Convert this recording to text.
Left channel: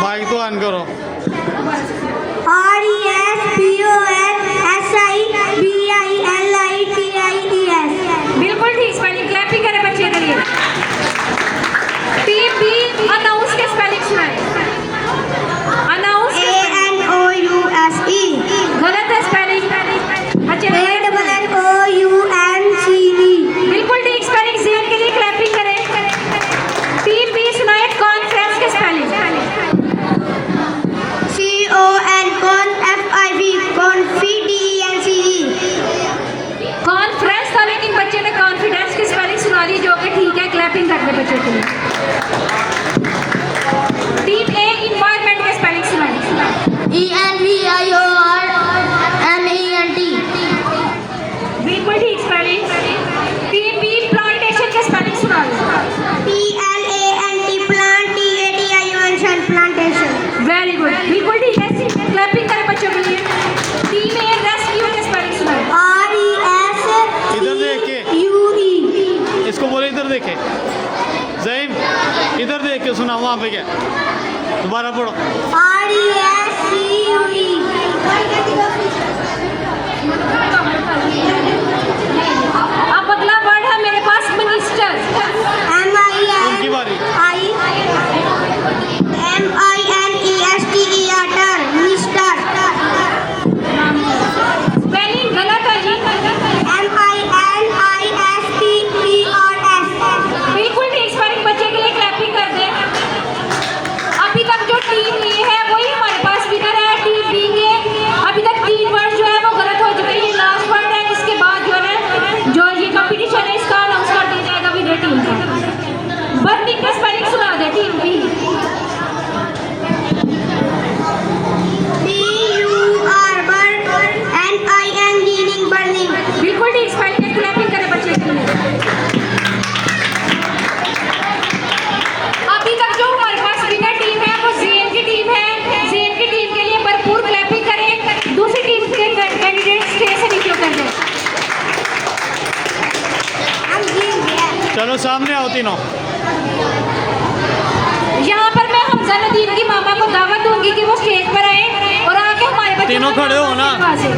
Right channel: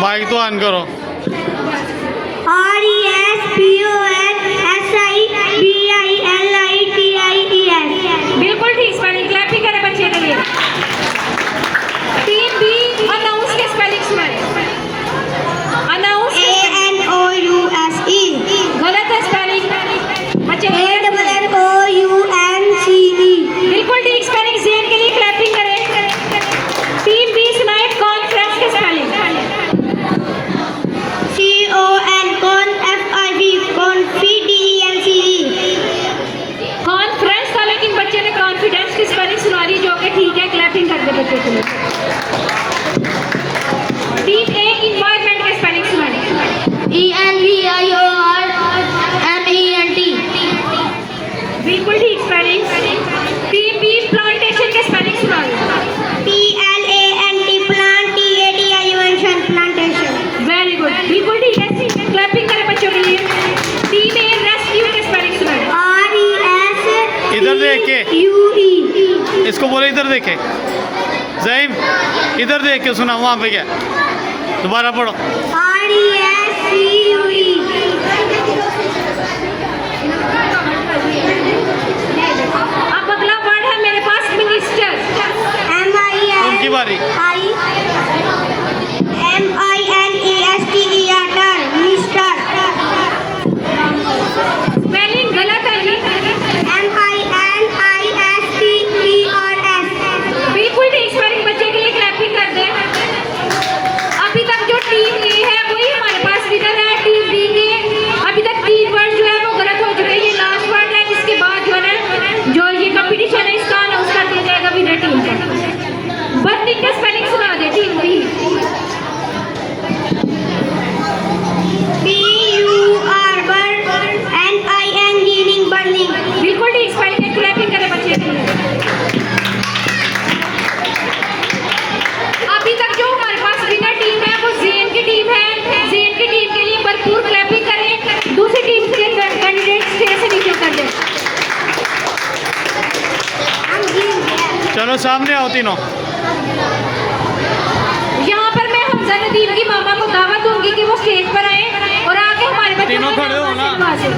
Mic तो on करो। RESPONSBILITIES। बिल्कुल ठीक स्पेलिंग, क्लैप ही करें बच्चे के लिए। टीम बी अनाउंस के स्पेलिंग सुनाए। Announce ANOUSE। गलत है स्पेलिंग। अच्छा ANNOUNCE। बिल्कुल ठीक स्पेलिंग, जेन के लिए क्लैपिंग करें। टीम बी सुनाए कॉन्फ्रेंस के स्पेलिंग। कॉन्फ्रेंस था लेकिन बच्चे ने कॉन्फिडेंस की स्पेलिंग सुना दी, जो कि ठीक है, क्लैपिंग कर दे बच्चे के लिए। टीम ए इन्वायरमेंट के स्पेलिंग सुनाए। ENVIORMENT। बिल्कुल ठीक स्पेलिंग। टीम बी प्लांटेशन के स्पेलिंग सुनाए। PLANT plantation. वेरी गुड, बिल्कुल ठीक है, क्लैपिंग करें बच्चों के लिए। टीम ए रेस्क्यू के स्पेलिंग सुनाए। इधर देख के RESCUE। इसको बोले, इधर देखे ज़हीम, इधर देख के सुना। वहाँ पे क्या, दोबारा पढ़ो। RESCUE। अब अगला वर्ड है मेरे पास मिनिस्टर। उनकी बारी। MINISTER। मिस्टर। स्पेलिंग गलत है जी। MINISTERS। बिल्कुल ठीक स्पेलिंग, बच्चे के लिए क्लैपिंग कर दें। अभी तक जो टीम ए है वही हमारे पास विनर है। टीम बी के अभी तक 3 वर्ड जो है वो गलत हो चुके हैं। ये लास्ट वर्ड है, जिसके बाद जो है जो ये कंपटीशन है इसका अनाउंस कर दिया जाएगा विनर टीम का। बर्निंग के स्पेलिंग सुना दे टीम बी। burning। बिल्कुल ठीक स्पेलिंग है, क्लैपिंग करें बच्चे के लिए। अभी तक जो हमारे पास विनर टीम है वो जेन की टीम है। जेन की टीम के लिए भरपूर क्लैपिंग करें। दूसरी टीम के कैंडिडेट्स स्टेज से नीचे कर दें। चलो सामने आओ तीनों। यहाँ पर मैं हमजा नदीम की मामा को दावत दूंगी कि वो स्टेज पर आए और आके हमारे बच्चों तीनों को खड़े हो ना। से